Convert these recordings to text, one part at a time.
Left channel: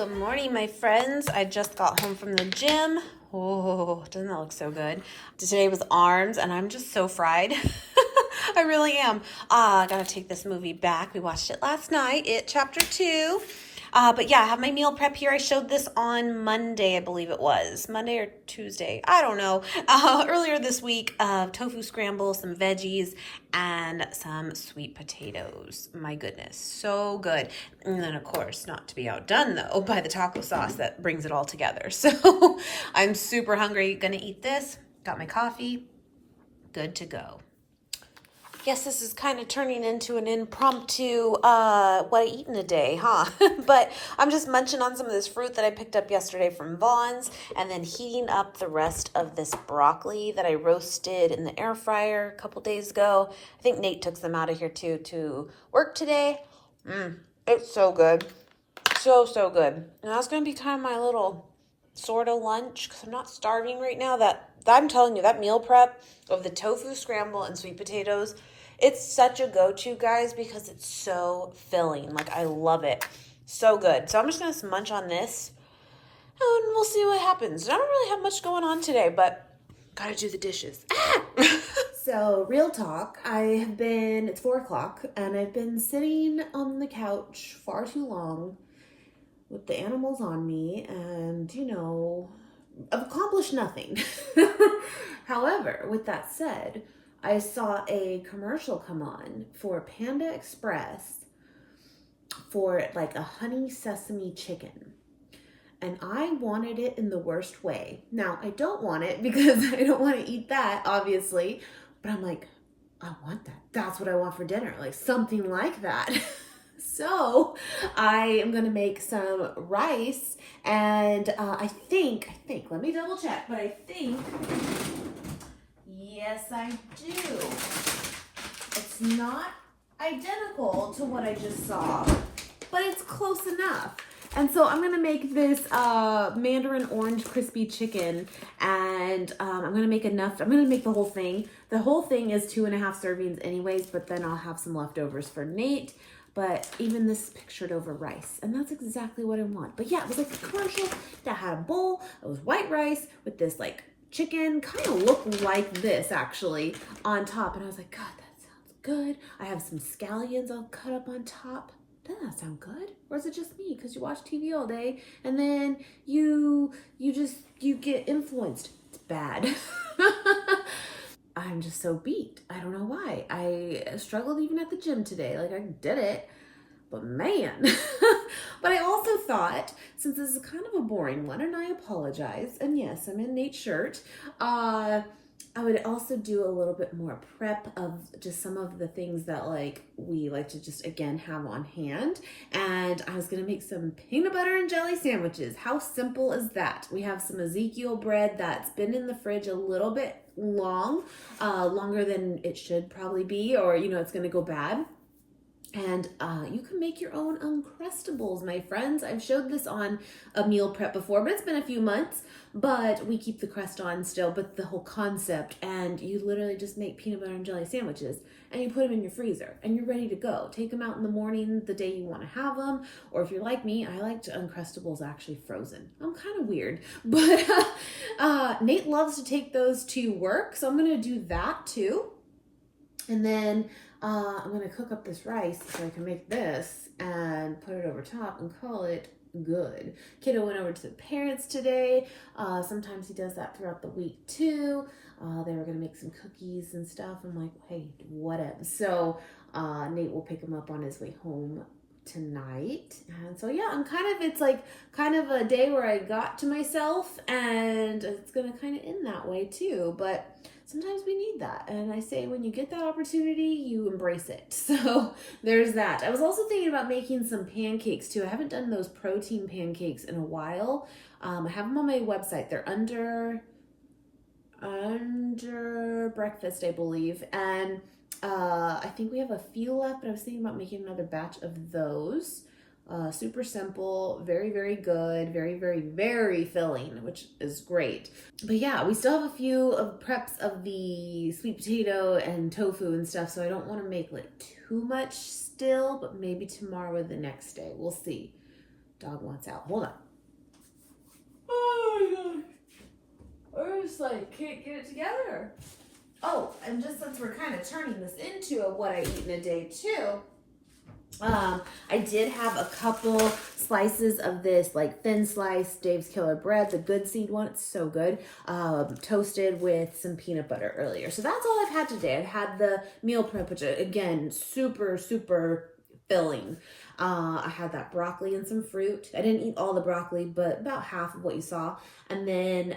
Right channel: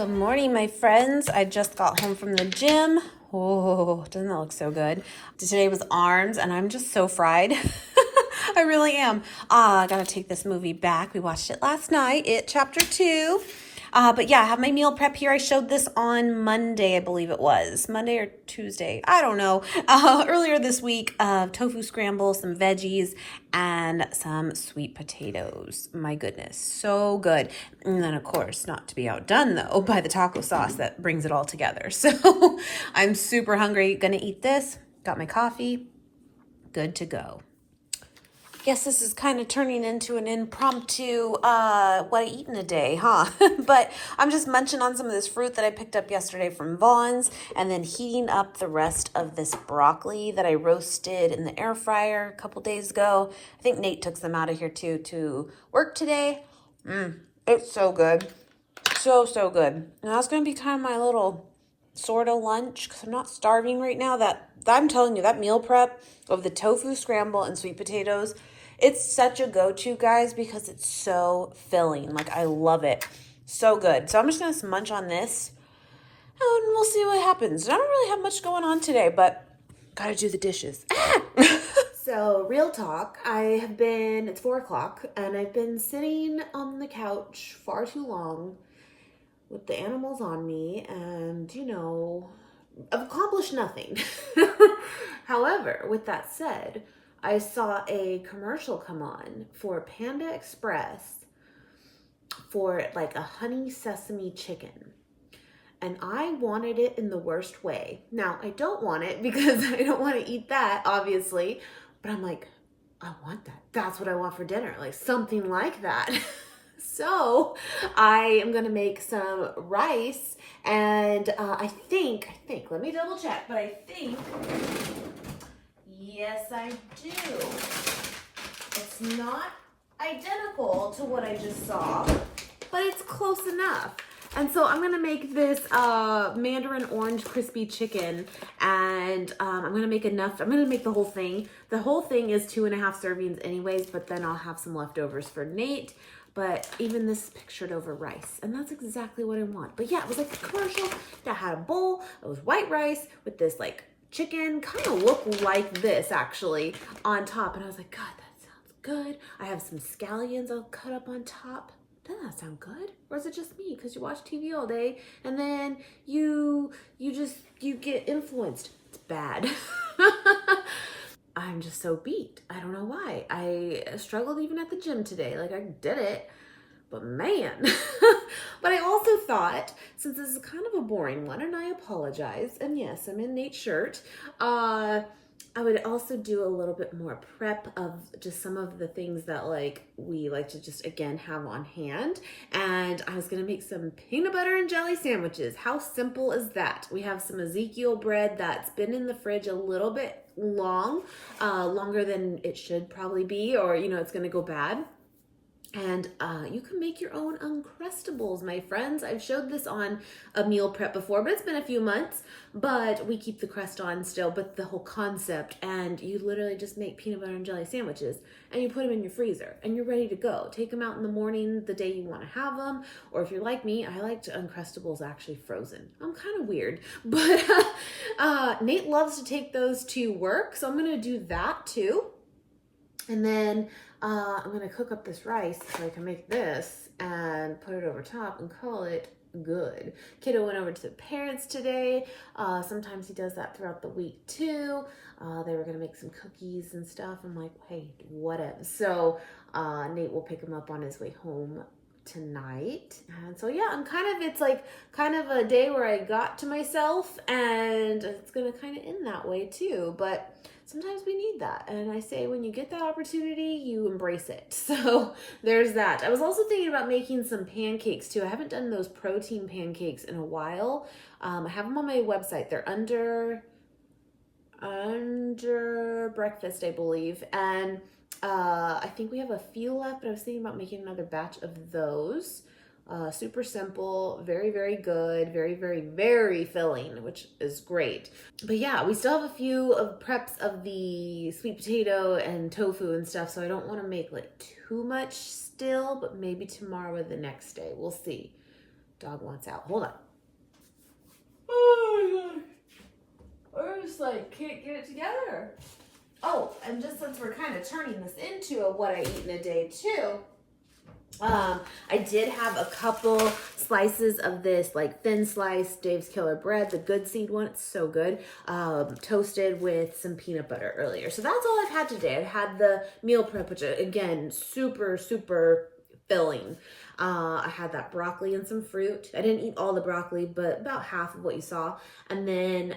Good morning, my friends. I just got home from the gym. Oh, doesn't that look so good? Today was arms, and I'm just so fried. I really am. I gotta take this movie back. We watched it last night, Chapter 2. But yeah, I have my meal prep here. I showed this on Monday, I believe it was. Monday or Tuesday. I don't know. Earlier this week, tofu scramble, some veggies, and some sweet potatoes. My goodness, so good. And then, of course, not to be outdone, though, by the taco sauce that brings it all together. So I'm super hungry. Gonna eat this. Got my coffee. Good to go. Guess this is kind of turning into an impromptu what I eat in a day, huh? But I'm just munching on some of this fruit that I picked up yesterday from Vaughn's and then heating up the rest of this broccoli that I roasted in the air fryer a couple days ago. I think Nate took some out of here too to work today. It's so good. So good. And that's going to be kind of my little sort of lunch because I'm not starving right now. That I'm telling you, that meal prep of the tofu scramble and sweet potatoes, it's such a go-to, guys, because it's so filling. Like, I love it. So good. So I'm just going to munch on this and we'll see what happens. I don't really have much going on today, but gotta do the dishes. So, real talk, it's 4 o'clock, and I've been sitting on the couch far too long with the animals on me, and, I've accomplished nothing. However, with that said, I saw a commercial come on for Panda Express for like a honey sesame chicken. And I wanted it in the worst way. Now, I don't want it because I don't want to eat that, obviously. But I'm like, I want that. That's what I want for dinner. Like something like that. So I am going to make some rice. And I think, let me double check. But I think, yes, I do. It's not identical to what I just saw, but it's close enough. And so I'm going to make this mandarin orange crispy chicken, and I'm going to make enough. I'm going to make the whole thing. The whole thing is 2.5 servings anyways, but then I'll have some leftovers for Nate. But even this is pictured over rice, and that's exactly what I want. But yeah, it was like a commercial that had a bowl. It was white rice with this like chicken, kind of looked like this actually on top. And I was like, God, that sounds good. I have some scallions I'll cut up on top. Doesn't that sound good? Or is it just me? Because you watch TV all day and then you get influenced. It's bad. I'm just so beat. I don't know why. I struggled even at the gym today. Like I did it, but man. But I also thought, since this is kind of a boring one, and I apologize, and yes, I'm in Nate's shirt, I would also do a little bit more prep of just some of the things that like we like to just again have on hand. And I was gonna make some peanut butter and jelly sandwiches. How simple is that? We have some Ezekiel bread that's been in the fridge a little bit longer than it should probably be, or it's gonna go bad. And you can make your own Uncrustables, my friends. I've showed this on a meal prep before, but it's been a few months. But we keep the crust on still, but the whole concept. And you literally just make peanut butter and jelly sandwiches, and you put them in your freezer, and you're ready to go. Take them out in the morning, the day you want to have them. Or if you're like me, I like Uncrustables actually frozen. I'm kind of weird. But Nate loves to take those to work, so I'm going to do that too. And then I'm going to cook up this rice so I can make this and put it over top and call it good. Kiddo went over to the parents today. Sometimes he does that throughout the week too. They were going to make some cookies and stuff. I'm like, hey, whatever. So Nate will pick him up on his way home tonight. And so yeah, it's like kind of a day where I got to myself, and it's going to kind of end that way too. But sometimes we need that. And I say when you get that opportunity, you embrace it. So there's that. I was also thinking about making some pancakes too. I haven't done those protein pancakes in a while. I have them on my website. They're under breakfast, I believe. And I think we have a few left, but I was thinking about making another batch of those. Super simple, very, very good, very, very, very filling, which is great. But yeah, we still have a few of preps of the sweet potato and tofu and stuff, so I don't want to make like too much still, but maybe tomorrow or the next day. We'll see. Dog wants out. Hold on. Oh my god. I just like can't get it together. Oh, and just since we're kind of turning this into what I eat in a day too, I did have a couple slices of this like thin slice Dave's Killer bread, the good seed one. It's so good. Toasted with some peanut butter earlier. So that's all I've had today. I've had the meal prep, which again, super, super filling. I had that broccoli and some fruit. I didn't eat all the broccoli, but about half of what you saw. And then,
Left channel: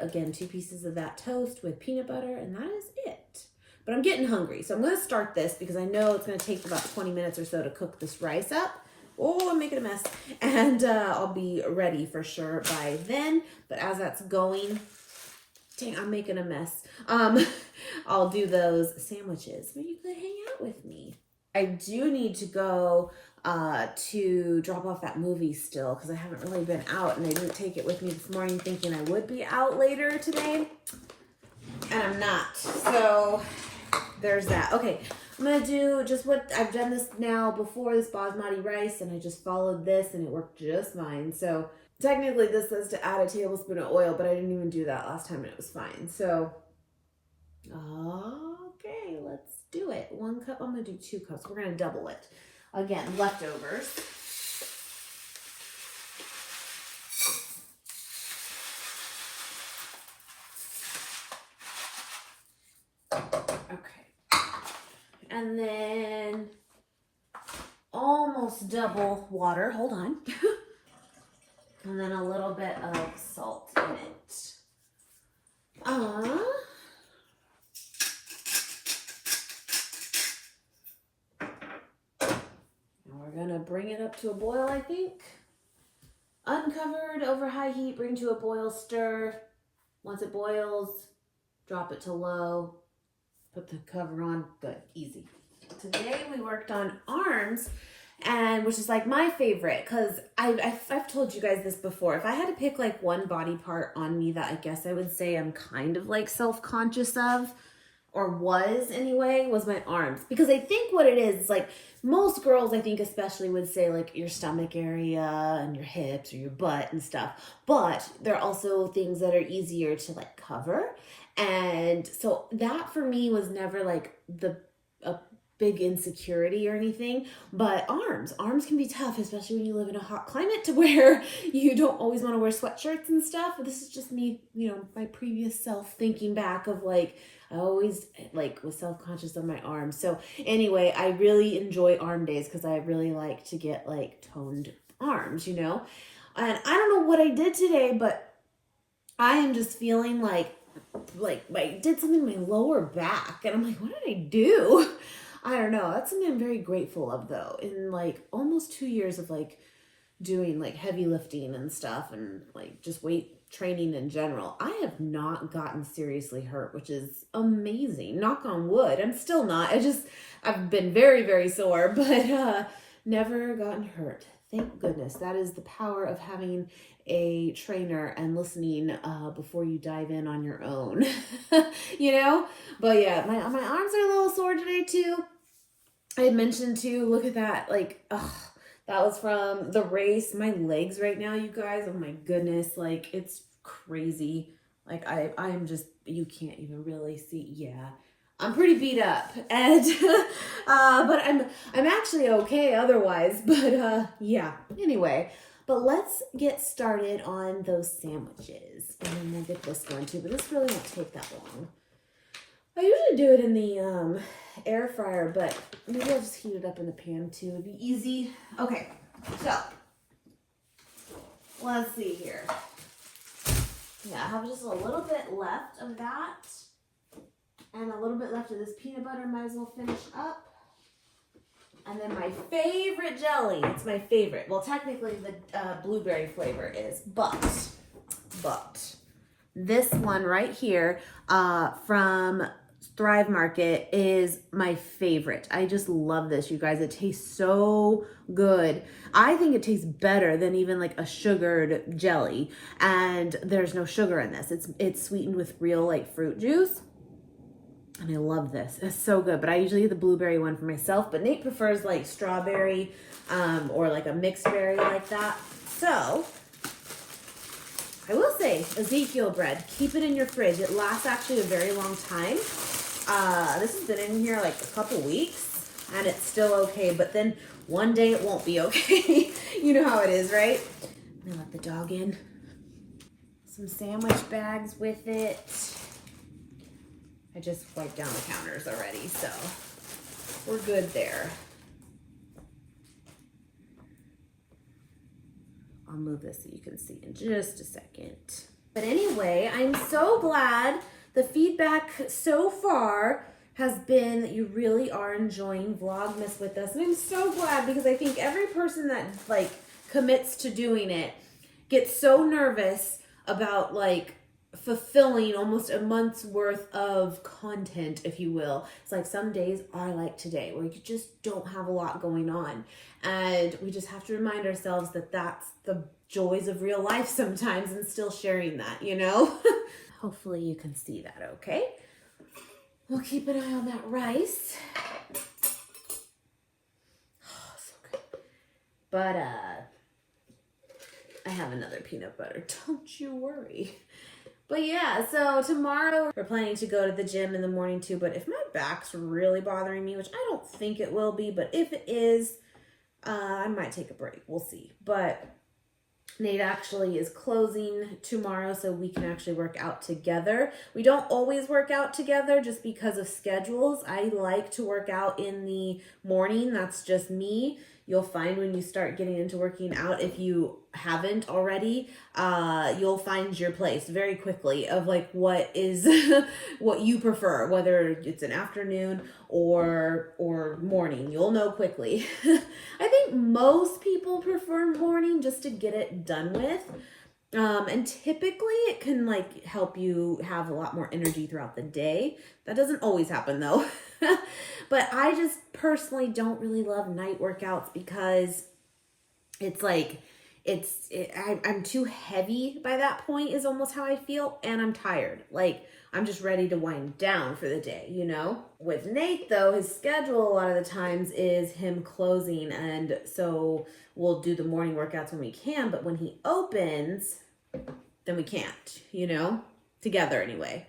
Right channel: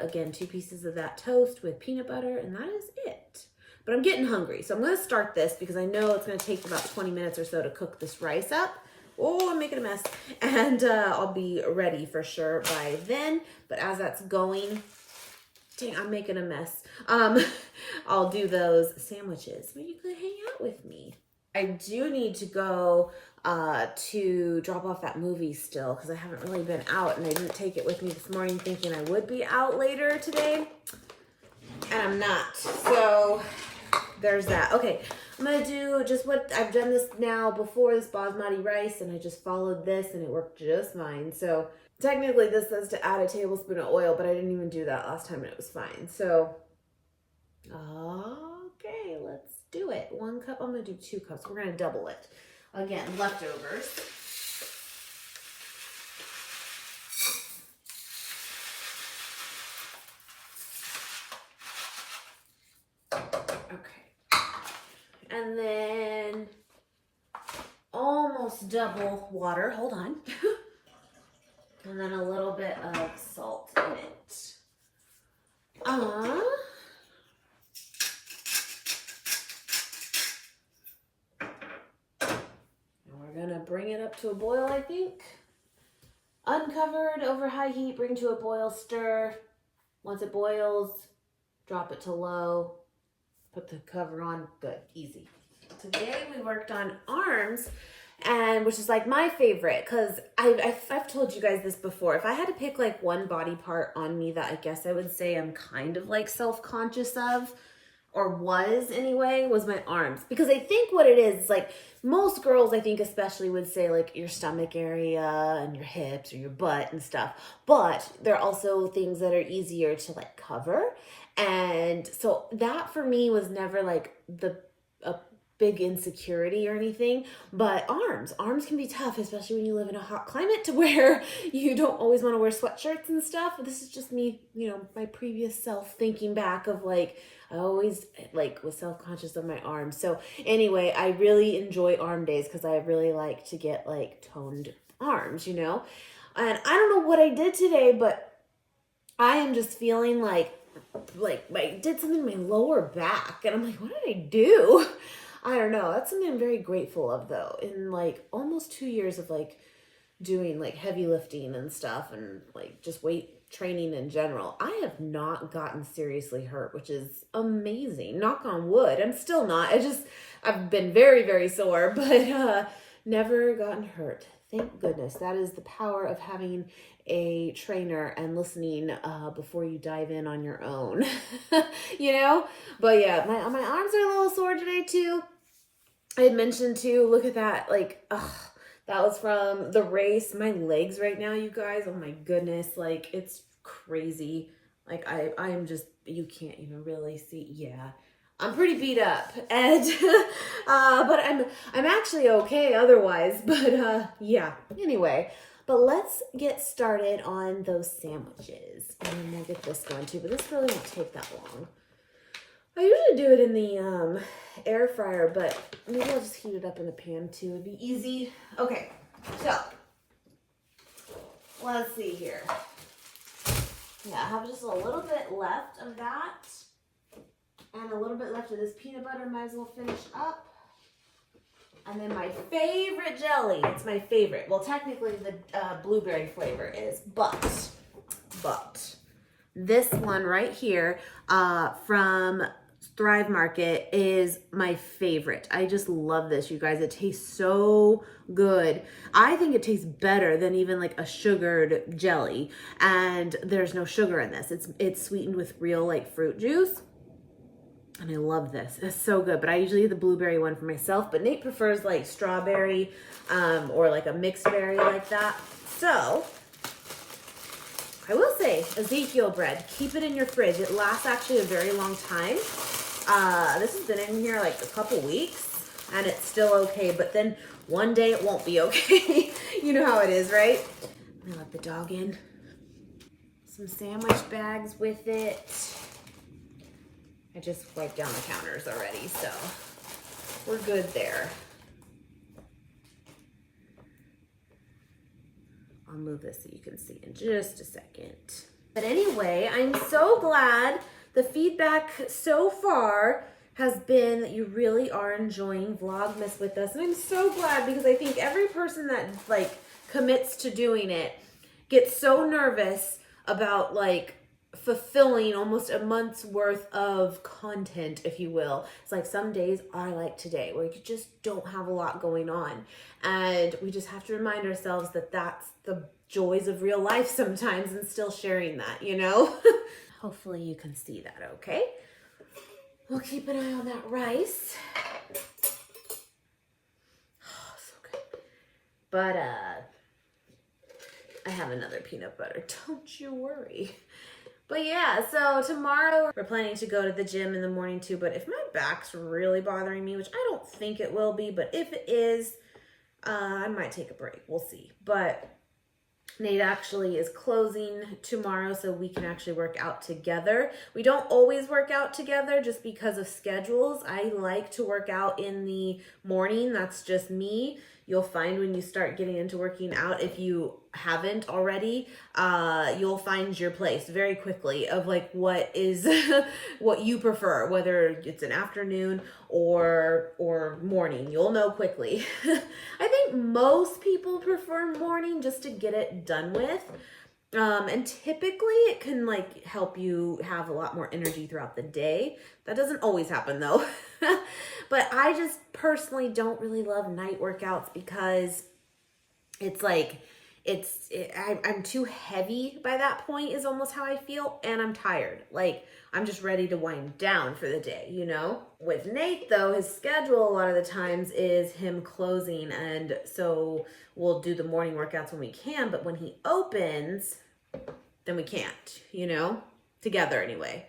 again, 2 pieces of that toast with peanut butter, and that is it. But I'm getting hungry, so I'm going to start this because I know it's going to take about 20 minutes or so to cook this rice up. Oh, I'm making a mess. And I'll be ready for sure by then. But as that's going, dang, I'm making a mess. I'll do those sandwiches. Maybe you could hang out with me. I do need to go to drop off that movie still because I haven't really been out, and I didn't take it with me this morning thinking I would be out later today, and I'm not. So there's that. Okay, I'm gonna do just what I've done this now before, this basmati rice, and I just followed this and it worked just fine. So technically this says to add a tablespoon of oil, but I didn't even do that last time and it was fine. So okay, let's do it. 1 cup. I'm gonna do 2 cups. We're gonna double it. Again, leftovers. Okay. And then almost double water. Hold on. And then a little bit of salt in it. We're gonna bring it up to a boil, I think. Uncovered, over high heat, bring to a boil, stir. Once it boils, drop it to low, put the cover on. Good, easy. Today we worked on arms, and which is like my favorite because I've told you guys this before. If I had to pick like one body part on me that I guess I would say I'm kind of like self-conscious of, or was anyway, was my arms. Because I think what it is like most girls, I think especially, would say like your stomach area and your hips or your butt and stuff. But there are also things that are easier to like cover. And so that for me was never like a big insecurity or anything. But arms can be tough, especially when you live in a hot climate to where you don't always want to wear sweatshirts and stuff. But this is just me, you know, my previous self thinking back of like, I always like was self-conscious of my arms. So anyway, I really enjoy arm days because I really like to get like toned arms, you know? And I don't know what I did today, but I am just feeling like I did something in my lower back. And I'm like, what did I do? I don't know. That's something I'm very grateful of though. In like almost 2 years of like doing like heavy lifting and stuff and like just weight training in general, I have not gotten seriously hurt, which is amazing. Knock on wood. I'm still not. I've been very, very sore, but never gotten hurt. Thank goodness. That is the power of having a trainer and listening before you dive in on your own, you know? But yeah, my arms are a little sore today too. I had mentioned too, look at that, like, that was from the race. My legs right now, you guys, oh my goodness, like it's crazy. Like I am just, you can't even really see. Yeah, I'm pretty beat up, and but I'm actually okay otherwise. But yeah. Anyway, but let's get started on those sandwiches, and then we'll get this going too. But this really won't take that long. I usually do it in the air fryer, but maybe I'll just heat it up in the pan too. It'd be easy. Okay, so let's see here. Yeah, I have just a little bit left of that and a little bit left of this peanut butter. Might as well finish up. And then my favorite jelly. It's my favorite. Well, technically the blueberry flavor is, but this one right here from Thrive Market is my favorite. I just love this, you guys. It tastes so good. I think it tastes better than even like a sugared jelly, and there's no sugar in this. It's sweetened with real like fruit juice. And I love this. It's so good. But I usually get the blueberry one for myself. But Nate prefers like strawberry or like a mixed berry like that. So I will say Ezekiel bread, keep it in your fridge. It lasts actually a very long time. This has been in here like a couple weeks and it's still okay. But then one day it won't be okay. You know how it is, right? I'm gonna let the dog in. Some sandwich bags with it. I just wiped down the counters already, so we're good there. I'll move this so you can see in just a second. But anyway, I'm so glad the feedback so far has been that you really are enjoying Vlogmas with us. And I'm so glad because I think every person that like commits to doing it gets so nervous about like fulfilling almost a month's worth of content, if you will. It's like some days are like today where you just don't have a lot going on. And we just have to remind ourselves that that's the joys of real life sometimes and still sharing that, you know? Hopefully you can see that, okay? We'll keep an eye on that rice. Oh, so good. But I have another peanut butter. Don't you worry. But yeah, so tomorrow we're planning to go to the gym in the morning too. But if my back's really bothering me, which I don't think it will be, but if it is, I might take a break. We'll see. But Nate actually is closing tomorrow so we can actually work out together. We don't always work out together just because of schedules. I like to work out in the morning. That's just me. You'll find when you start getting into working out, if you haven't already, you'll find your place very quickly of like what is what you prefer, whether it's an afternoon or morning. You'll know quickly. I think most people prefer morning just to get it done with. And typically it can like help you have a lot more energy throughout the day. That doesn't always happen though. But I just personally don't really love night workouts because it's like, I'm too heavy by that point is almost how I feel. And I'm tired. Like I'm just ready to wind down for the day, you know? With Nate though, his schedule a lot of the times is him closing. And so we'll do the morning workouts when we can, but when he opens, then we can't, you know, together anyway.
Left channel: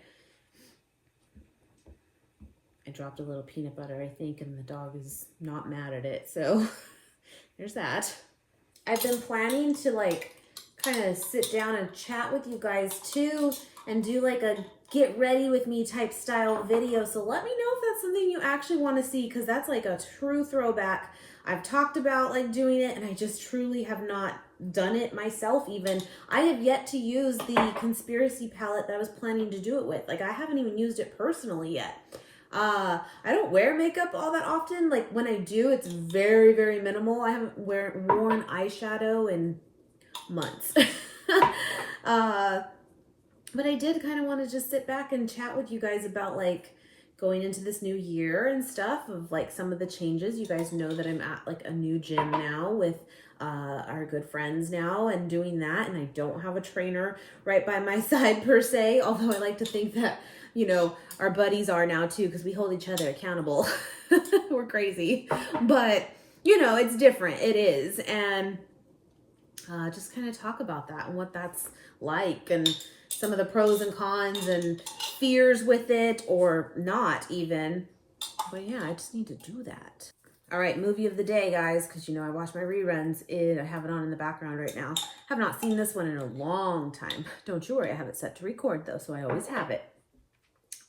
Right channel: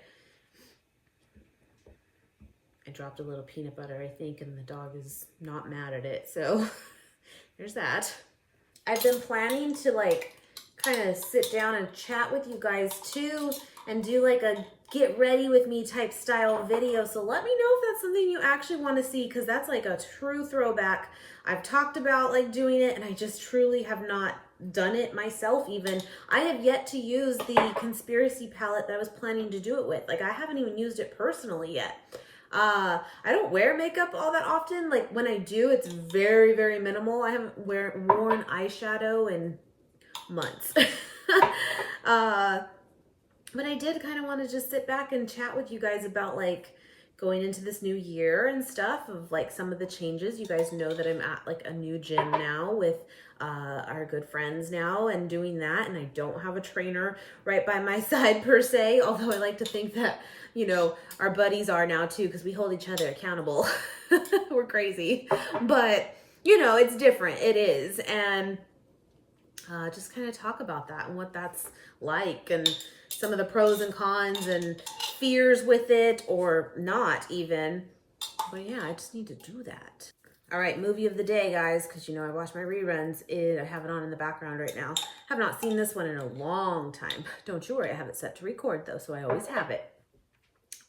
I dropped a little peanut butter, I think, and the dog is not mad at it. So there's that. I've been planning to like kind of sit down and chat with you guys too and do like a get ready with me type style video. So let me know if that's something you actually want to see because that's like a true throwback. I've talked about like doing it and I just truly have not done it myself even. I have yet to use the conspiracy palette that I was planning to do it with. Like I haven't even used it personally yet. I don't wear makeup all that often. Like when I do, it's very, very minimal. I haven't worn eyeshadow in months. But I did kind of want to just sit back and chat with you guys about like going into this new year and stuff of like some of the changes. You guys know that I'm at like a new gym now with our good friends now and doing that. And I don't have a trainer right by my side per se, although I like to think that, you know, our buddies are now too, because we hold each other accountable. We're crazy, but you know, it's different. It is. And just kind of talk about that and what that's like and some of the pros and cons and fears with it or not even. But yeah, I just need to do that. All right, movie of the day, guys, because you know I watch my reruns. I have it on in the background right now. Have not seen this one in a long time. Don't you worry, I have it set to record though, so I always have it.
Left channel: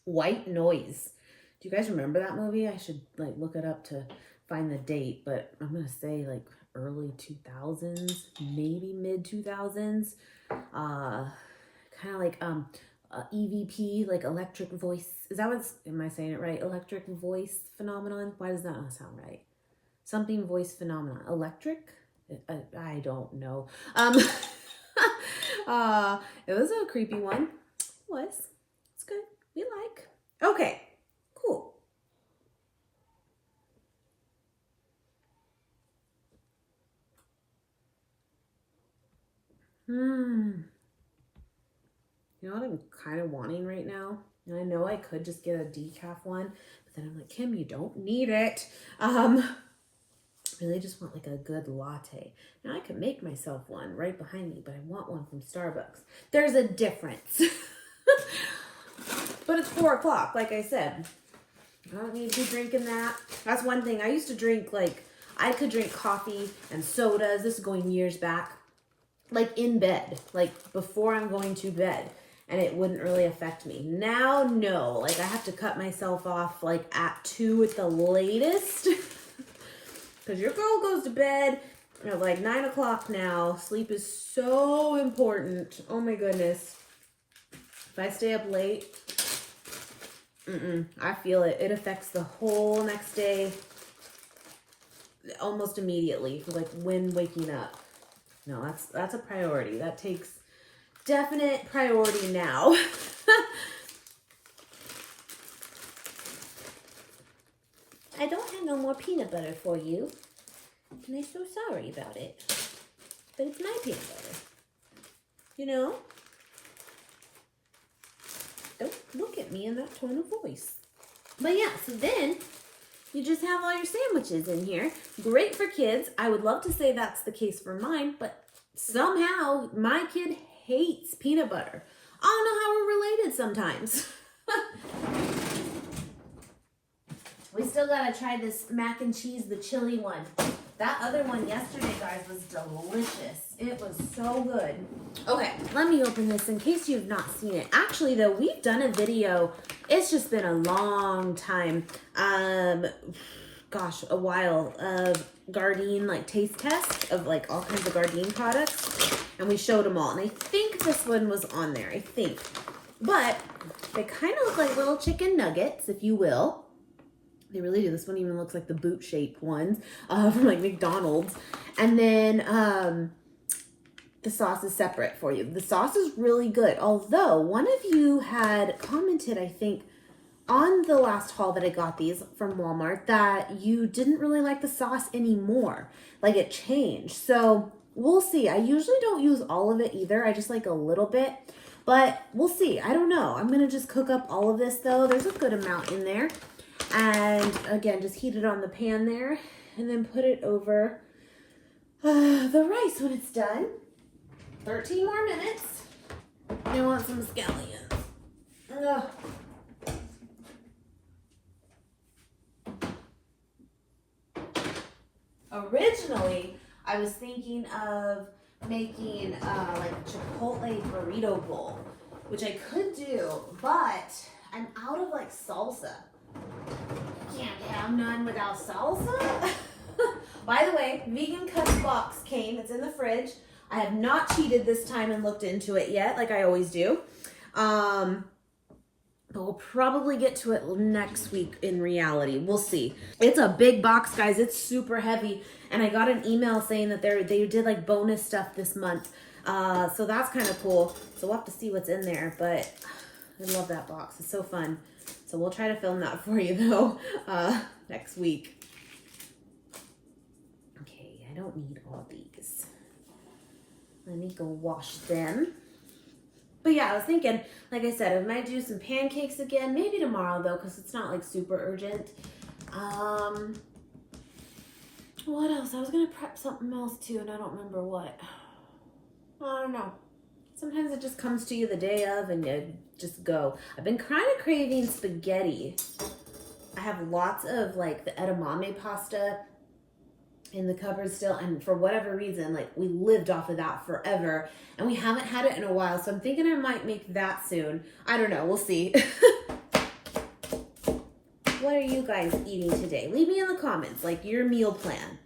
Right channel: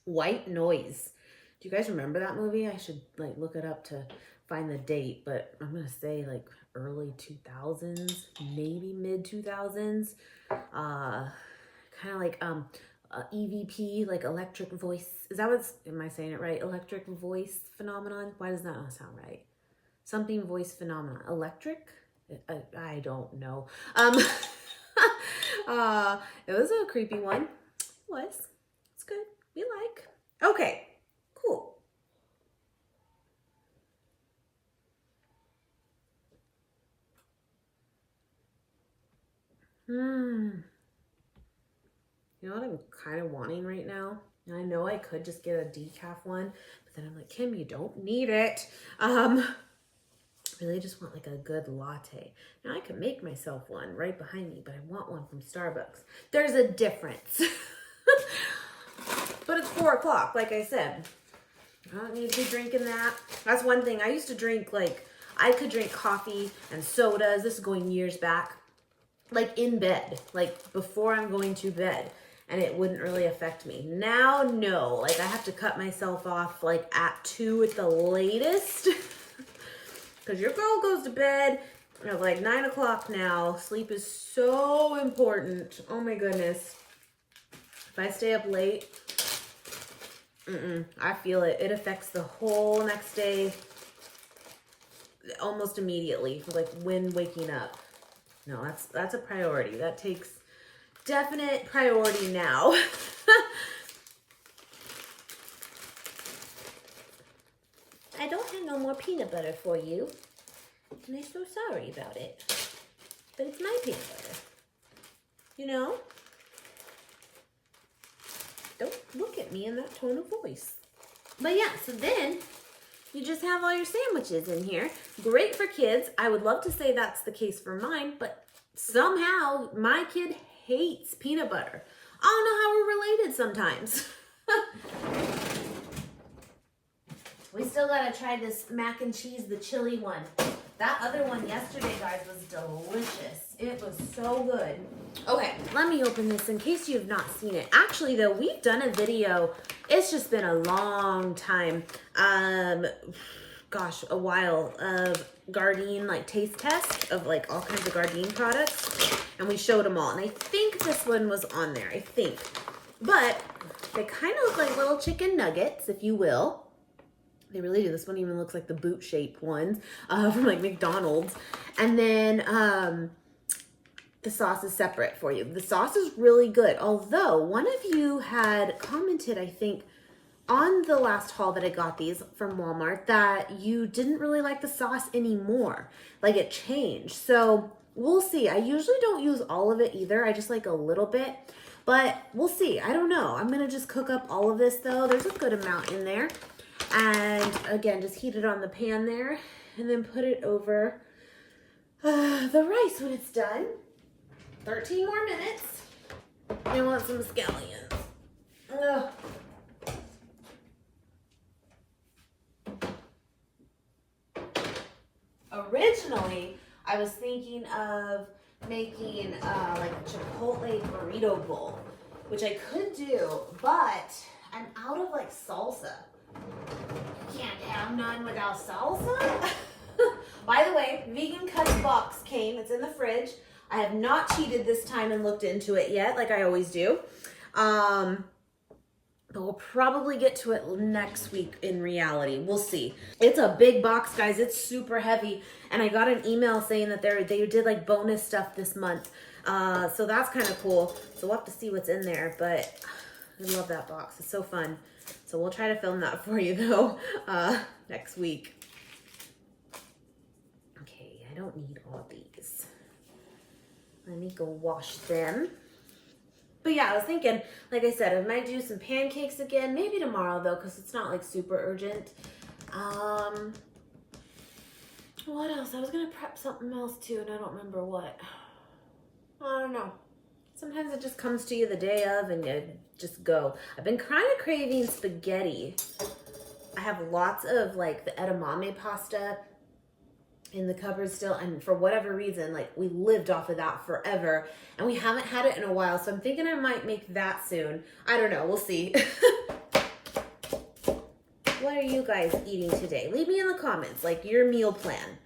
White Noise. Do you guys remember that movie? I should like look it up to find the date, but I'm gonna say like early 2000s, maybe mid 2000s. Kind of like EVP, like electric voice. Is that what's, am I saying it right? Electric voice phenomenon? Why does that not sound right? Something voice phenomenon. Electric? I don't know. It was a creepy one. It was. It's good. We like. Okay. Cool. You know what I'm kind of wanting right now? Now, I know I could just get a decaf one, but then I'm like, Kim, you don't need it. Really just want like a good latte. Now I could make myself one right behind me, but I want one from Starbucks. There's a difference. But it's 4 o'clock, like I said. I don't need to be drinking that. That's one thing. I used to drink, like, I could drink coffee and sodas. This is going years back. Like, in bed. Like, before I'm going to bed. And it wouldn't really affect me. Now, no. Like, I have to cut myself off, like, at 2 at the latest. Because your girl goes to bed at, like, 9 o'clock now. Sleep is so important. Oh, my goodness. If I stay up late... I feel it. It affects the whole next day almost immediately, like when waking up. No, that's a priority. That takes definite priority now. I don't have no more peanut butter for you. And I'm so sorry about it. But it's my peanut butter. You know? Don't look at me in that tone of voice. But yeah, so then you just have all your sandwiches in here. Great for kids. I would love to say that's the case for mine, but somehow my kid hates peanut butter. I don't know how we're related sometimes. We still gotta try this mac and cheese, the chili one. That other one yesterday, guys, was delicious. It was so good. Okay, let me open this in case you've not seen it. Actually, though, we've done a video. It's just been a long time. Gosh, a while of Gardein, like, taste test of, like, all kinds of Gardein products. And we showed them all. And I think this one was on there, I think. But they kind of look like little chicken nuggets, if you will. They really do. This one even looks like the boot-shaped ones from like McDonald's. And then the sauce is separate for you. The sauce is really good. Although one of you had commented, I think, on the last haul that I got these from Walmart that you didn't really like the sauce anymore. Like it changed. So we'll see. I usually don't use all of it either. I just like a little bit. But we'll see. I don't know. I'm going to just cook up all of this though. There's a good amount in there. And again, just heat it on the pan there and then put it over the rice when it's done. 13 more minutes. I want some scallions. Ugh. Originally, I was thinking of making like a chipotle burrito bowl, which I could do, but I'm out of like salsa. Can't have none without salsa. By the way, vegan cuts box came. It's in the fridge. I have not cheated this time and looked into it yet, like I always do. But we'll probably get to it next week in reality. We'll see. It's a big box, guys. It's super heavy. And I got an email saying that they did like bonus stuff this month. So that's kind of cool. So we'll have to see what's in there. But I love that box. It's so fun. So we'll try to film that for you though next week. Okay, I don't need all these. Let me go wash them. But yeah, I was thinking, like I said, I might do some pancakes again. Maybe tomorrow though, because it's not like super urgent. What else? I was gonna prep something else too, and I don't remember what. I don't know. Sometimes it just comes to you the day of and you just go. I've been kind of craving spaghetti. I have lots of like the edamame pasta in the cupboard still, and for whatever reason, like we lived off of that forever and we haven't had it in a while, so I'm thinking I might make that soon. I don't know, we'll see. What are you guys eating today? Leave me in the comments, like your meal plan.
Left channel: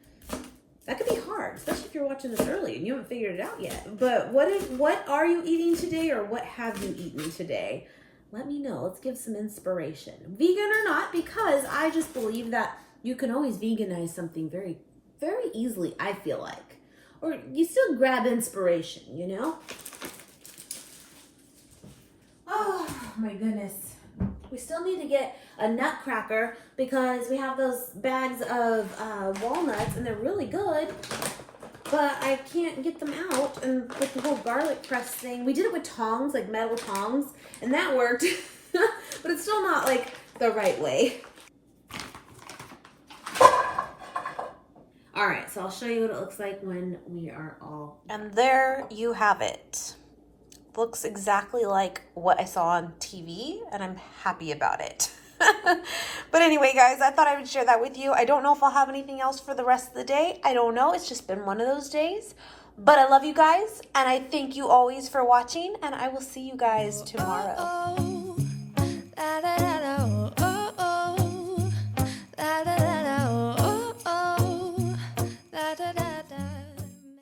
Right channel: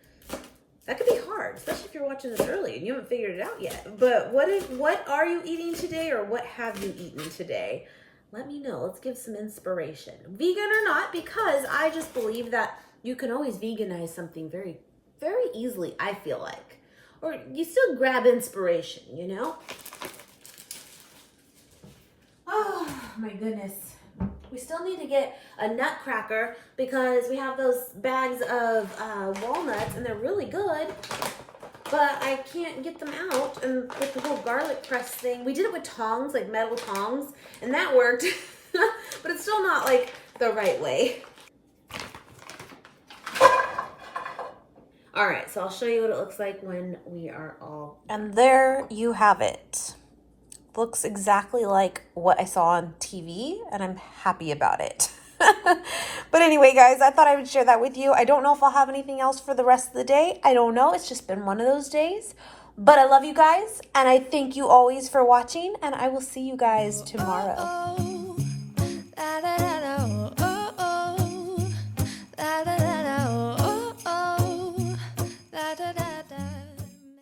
That could be hard, especially if you're watching this early and you haven't figured it out yet. But what are you eating today, or what have you eaten today? Let me know. Let's give some inspiration. Vegan or not, because I just believe that you can always veganize something very, very easily, I feel like. Or you still grab inspiration, you know? Oh, my goodness. We still need to get a nutcracker because we have those bags of walnuts and they're really good, but I can't get them out. And with the whole garlic press thing, we did it with tongs, like metal tongs, and that worked. but it's still not like the right way. All right, so I'll show you what it looks like when we are all... And there you have it. Looks exactly like what I saw on TV, and I'm happy about it. But anyway, guys, I thought I would share that with you. I don't know if I'll have anything else for the rest of the day. I don't know. It's just been one of those days. But I love you guys, and I thank you always for watching, and I will see you guys tomorrow.